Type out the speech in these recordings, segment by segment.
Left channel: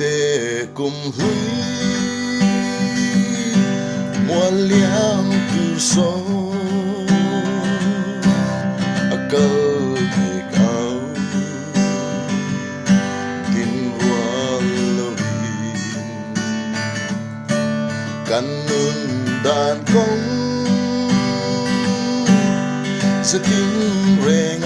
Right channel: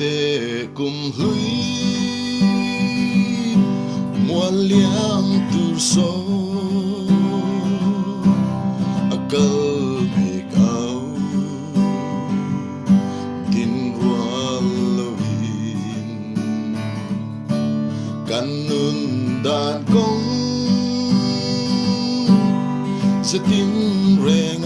te cùng hui muôn liang tu so a cơ thì cao tin qua lâu căn nun đàn công sẽ tin rèn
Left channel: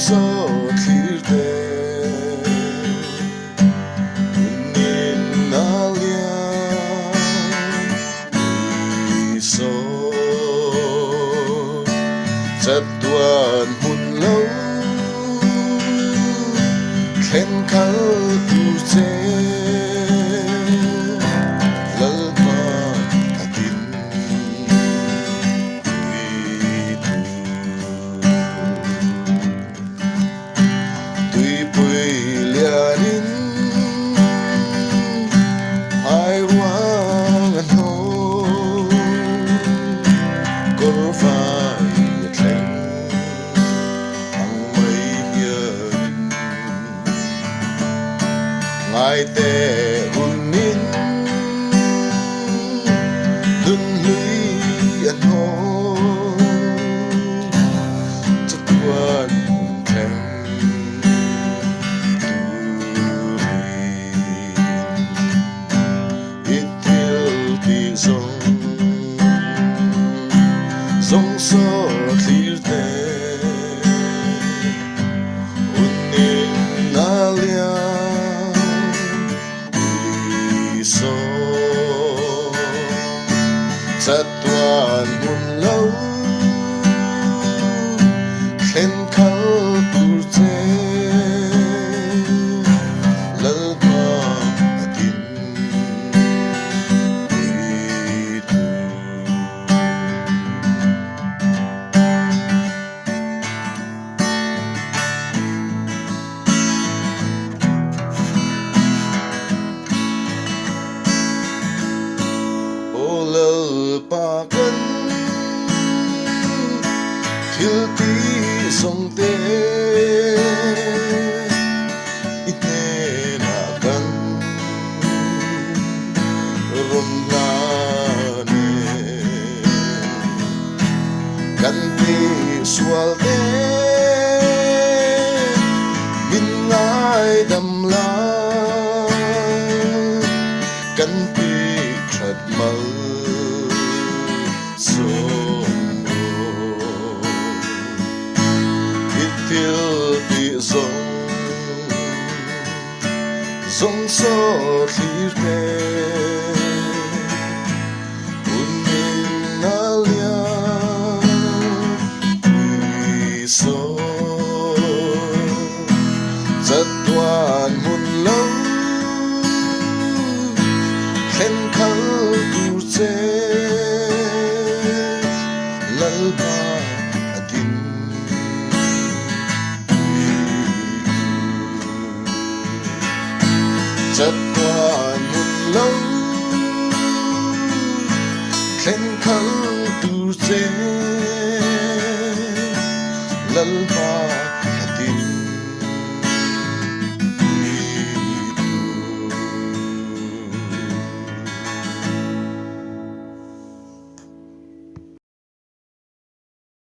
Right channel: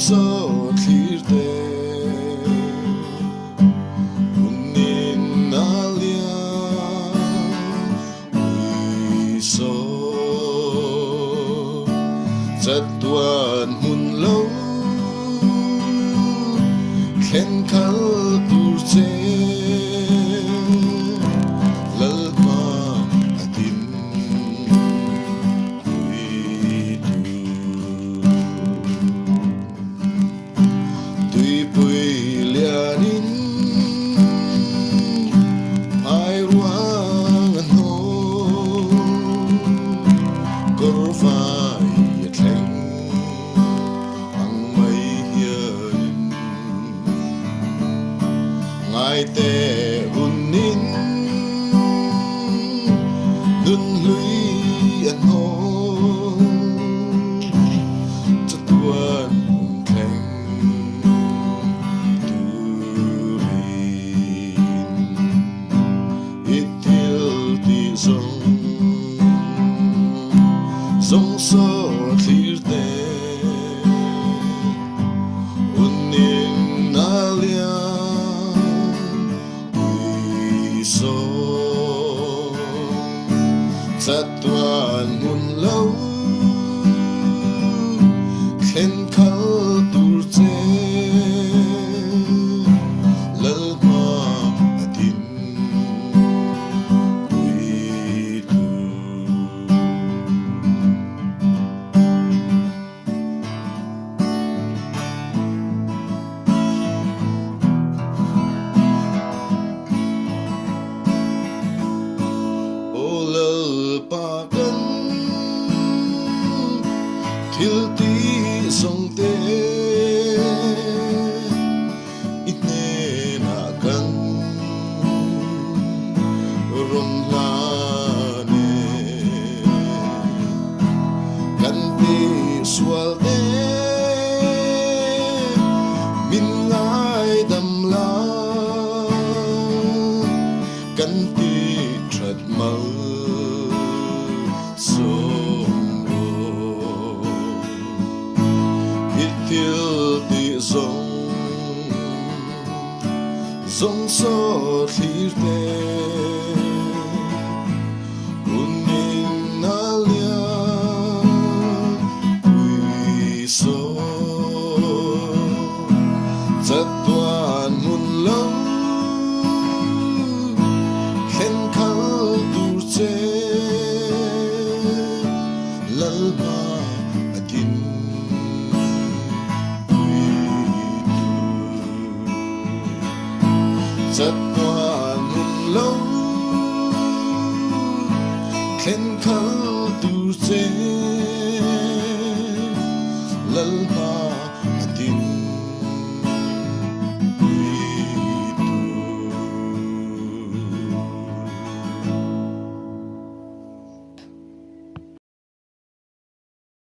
so clear there in alia so chặt tuan hun lâu khen khao tu che te unin dun hui an ho chatuan thang tu itil ti zong so clear te unin alia so chặt tuan mun lâu khen khao tu che lal ma atin ui tu pa kan thil ti song te ite na kan rom la ne kan ti swal te min lai dam la kan ti khat mal zong so clear te unin alia ui so chặt tuan mun lâu khen khao tu che lal ba atin chặt